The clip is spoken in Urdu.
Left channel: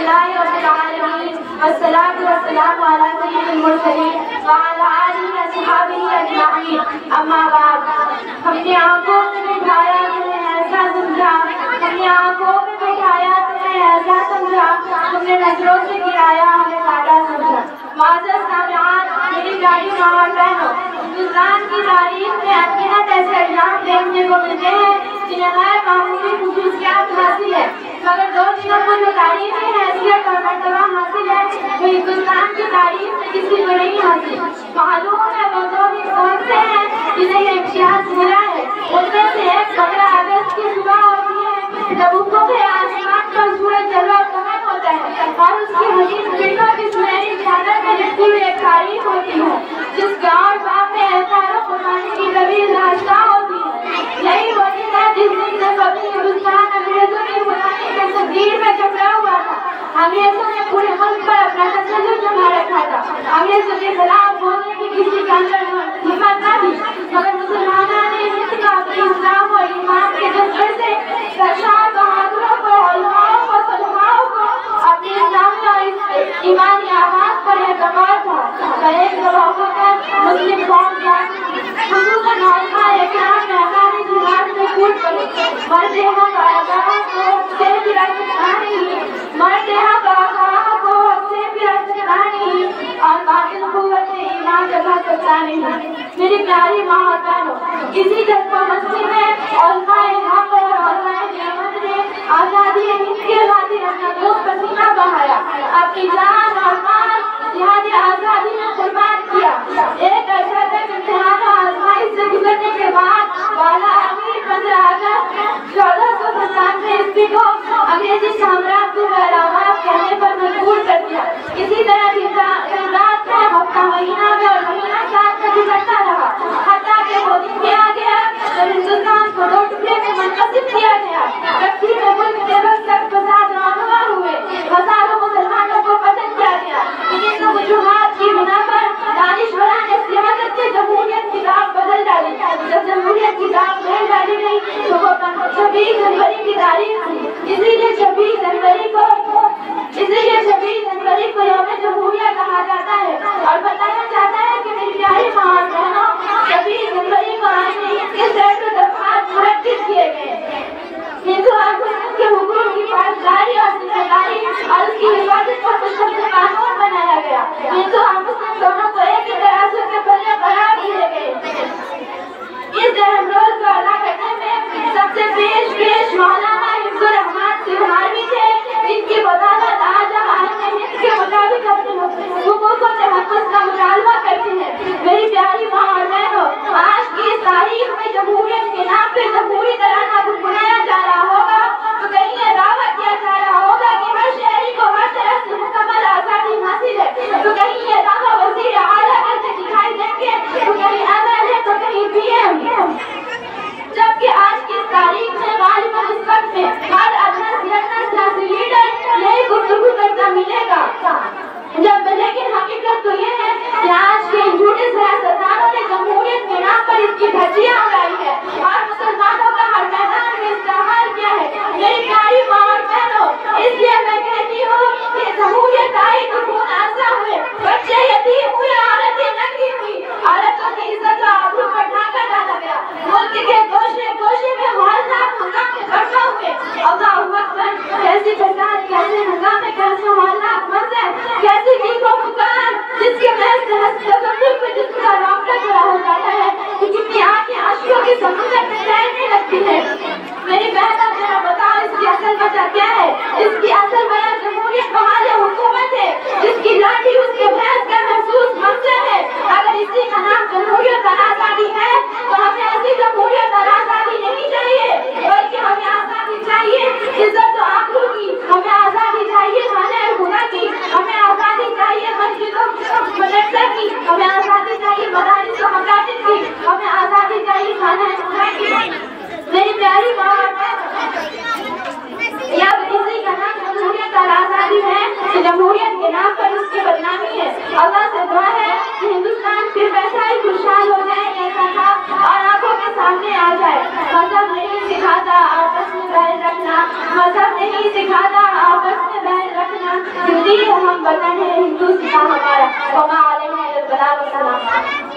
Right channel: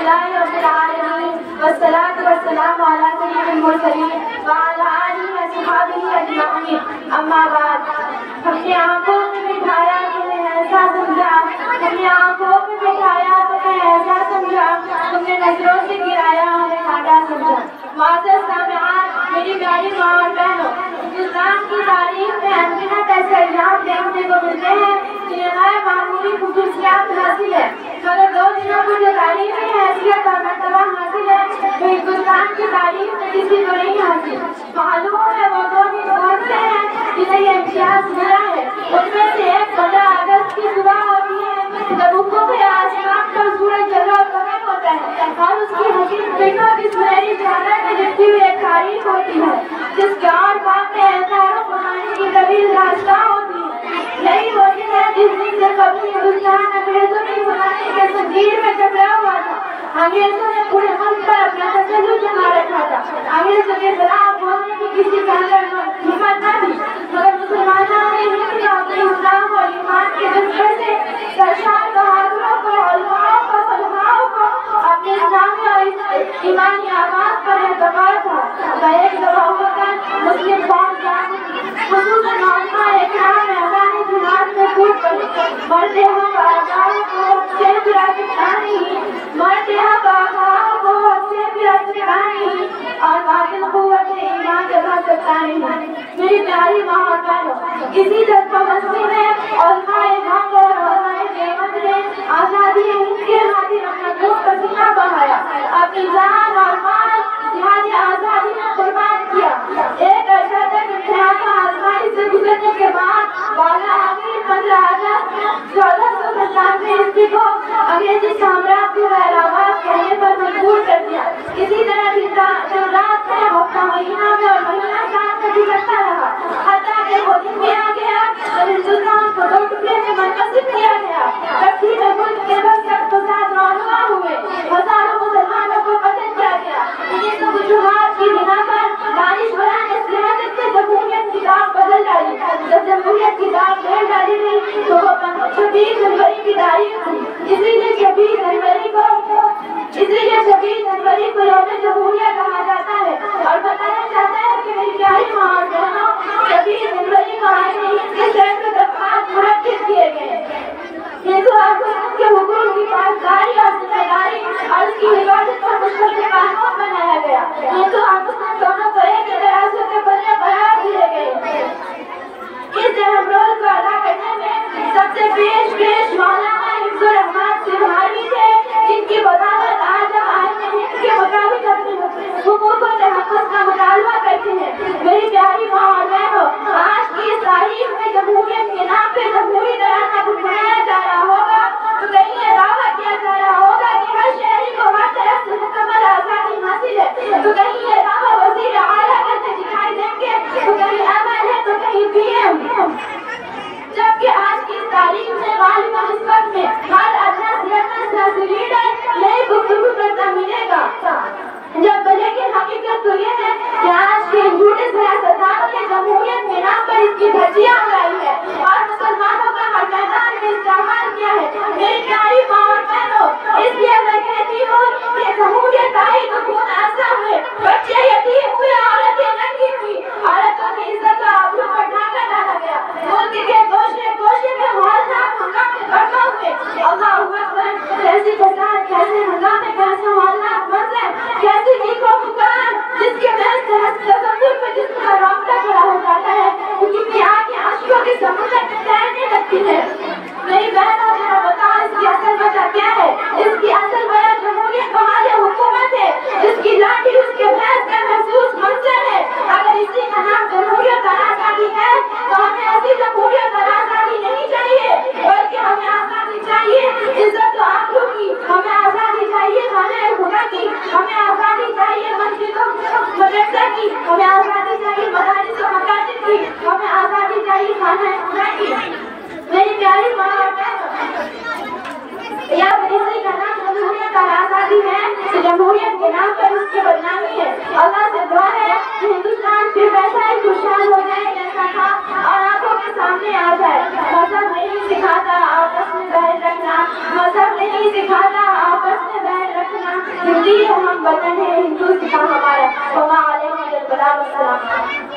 للہ رب العالمین والصلاة والسلام علی سید المرسلین وعلی آلہ وصحبہ اجمعین، اما بعد۔ ہم نے آنکھوں میں بٹھایا تمہیں ایسا سمجھا، ہم نے آنکھوں میں بٹھایا تمہیں ایسا سمجھا، تم نے نظروں سے گرایا ہمیں کاٹا سمجھا۔ معزز سامعین، میری پیاری ماں اور بہنوں، ہندوستان کی تاریخ میں انگنت ایسے ایام دیکھنے کو ملتے ہیں جنہیں غیر معمولی خصوصیات حاصل ہے، مگر دو چیزوں کو جو تاریخی حیثیت اور مرتبہ حاصل ہے وہ ہندوستان کی تاریخ میں کسی کو نہیں حاصل۔ معلوم ہے وہ دو دن کون سے ہیں جنہیں یہ امتیاز ملا ہے۔ ان میں سے ایک 15 اگست کی صبح ہوتی ہے جب افق آسمان پر سورج جلوہ کمر ہوتا ہے اور اس کی حسین کرنوں کی سنہری چادر میں لپٹی ہوئی ایک تاریخ ہوتی ہے جس کے اور باپ میں خیر و قربانی کی طویل داستان ہوتی ہے۔ یہی وہ دن ہے جس دن سے کبھی ہندوستان انگریزوں کی غلامی کے زنجیر میں جکڑا ہوا تھا۔ انگریزوں نے پورے ملک پر اپنا تسلط جما رکھا تھا۔ انگریزوں کے خلاف بولنے کی کسی کے اندر ہمت نہ تھی، مگر مسلمانوں نے ہند کا اپنے اسلام اور ایمان کے جذبے سے سرشار بہادروں کو، علماؤں کو، صلحاؤں کو اپنے اسلامی اور ایمانی آواز پر اعتبار تھا۔ پر ایک دفعہ مسلم قوم خصوصاً علماء اکرام میں افغانی جہاد میں کود پڑے۔ مرد حق آگاہ کو حق سے بھی رکھنا نہیں، مرد حق آگاہ کو حق سے بھی رکھنا نہیں، اور باطل قوت ایمان جگہ سکتا نہیں۔ میری پیاری ماں اور بہنوں، اسی جذبہ مستی میں علماء حق اور علماء نعمت نے آزادی ہند کے خاطر اپنا خون پسینہ بہایا، اپنی جان اور مال جہاد آزادی میں قربان کیا۔ ایک عرصہ تک امتحان و آزمائش سے گزرنے کے بعد والا آخری 15 اگست 1497 عیسوی کو انگریزی سامراج کو غیرآباد کہنے پر مجبور کر دیا۔ اسی طرح دن رات میں ہفتہ مہینہ میں اور مہینہ سال میں گزرتا رہا، حتیٰ کہ وہ دن بھی آ گیا جب ہندوستان کو 2 ٹکڑے میں منقسم کیا گیا۔ تقسیم ملک کے وقت تک فساد رونما ہوئے، ہزاروں مسلمانوں کو قتل کیا گیا۔ ان وجوہات کی بنا پر دانشوران نے سیاست سے جمہوریت کی داغ بدل ڈالی۔ جب جمہوریت کی داغ بدل ڈالی گئی تو وہ 26 جنوری کی تاریخ تھی۔ اسی لیے 26 جنوری کو یوم جمہوریہ کہا جاتا ہے اور بتایا جاتا ہے کہ میری پیاری ماں اور بہنوں، 26 جنوری کو آئین ہند کے سینکڑوں دفعات منعقد کیے گئے۔ ہندو اور مسلم کے حقوق کی پاسداری اور ذمہ داری اور اس کی حفاظت پر مشتمل قانون بنایا گیا۔ ہندو اور مسلم دونوں کو ایک ترازو کے پلے قرار دیے گئے۔ اس اہم رول کو ادا کرنے میں سب سے پیش مولانا حفظ الرحمان سیوہاروی تھے، جن کی بدولت آج ہم آئین ہند کے مطابق اپنے حقوق و تحفظ کا مطالبہ کرتے ہیں۔ میری پیاری ماں اور بہنوں، آج کی اس تاریخ میں جمہوریت کے نام پہ جمہوری ترانہ گنگنایا جا رہا ہوگا تو کہیں یہ دعویٰ کیا جا رہا ہوگا کہ ہر شہری کو ہر طرف سے مکمل آزادی حاصل ہے، تو کہیں یہ دعویٰ وزیر اعلیٰ کرتے دکھائی دیں گے، تو کہیں ایم ہے تو کہیں پی ایم۔ جبکہ آج کی اس تاریخ میں غالباً اس وقت میں ہر ادنا سیاسی لیڈر یہی گفتگو کرتا ملے گا۔ لیکن حقیقت تو یہ ہے کہ آج کے جھوٹے سیاستدانوں نے جمہوریت کے نام پر اس کی دھجیاں اڑائی ہے اور مسلمانوں کا ہر میدان میں استعمال کیا ہے۔ میری پیاری ماں اور بہنوں، اس لیے میں کہتی ہوں کہ جمہوریت آئی تو خون آسا ہوئے، بچے یتیم ہوئے، عورتیں ننگی ہوئی، عورتوں کی عزت و آبرو پر ڈھانکا ڈالا گیا، ملک کے گوشے گوشے میں ہولناک ہنگامے برپا ہوئے۔ اللہ اکبر! کیسی فساد، کیسے ہنگامے، کیسے ہولناک منظر، کیسی چیخ و پکار جس کے محض تصور پہ جسم کا رونگٹا کھڑا ہو جاتا ہے، کتنی آنکھیں اشکوں کے سمندر میں تیرنے لگتی ہے۔ میری بہنوں، ذرا بتاؤ اس کی اصل وجہ کیا ہے؟ اس کی اصل وجہ جمہوریت بحال حکومت ہے، جس کی لاٹھی اس کے بھینس کا محسوس منظر ہے۔ اگر اسی کا نام جمہوریت اور آزادی ہے تو ہمیں ایسی جمہوریت اور آزادی نہیں چاہیے، بلکہ ہمیں آزادی چاہیے عزت و آبرو کی، ہمیں آزادی چاہیے خانہ خدا کی، ہمیں آزادی چاہیے مسجدوں مدرسہ کی، ہمیں آزادی چاہیے مدارس و مکاتب کی، ہمیں آزادی چاہیے خانہ خدا کی۔ میری پیاری ماں اور بہنوں، یا کسی کا نام جمہوریت اور آزادی ہے تو جمہوریت کے نام پر اس کی بدنامی ہے۔ اللہ سے دعا ہے کہ ہندوستان پھر ویسا ہی خوشحال ہو جائے جیسا تھا اور آنکھوں کے سامنے آ جائے۔ مذہب نہیں سکھاتا آپس میں بہن رکھنا، مذہب نہیں سکھاتا آپس میں بہن رکھنا، وطن ہے ہندوستان ہمارا وما علیہ البلاغ والسلام.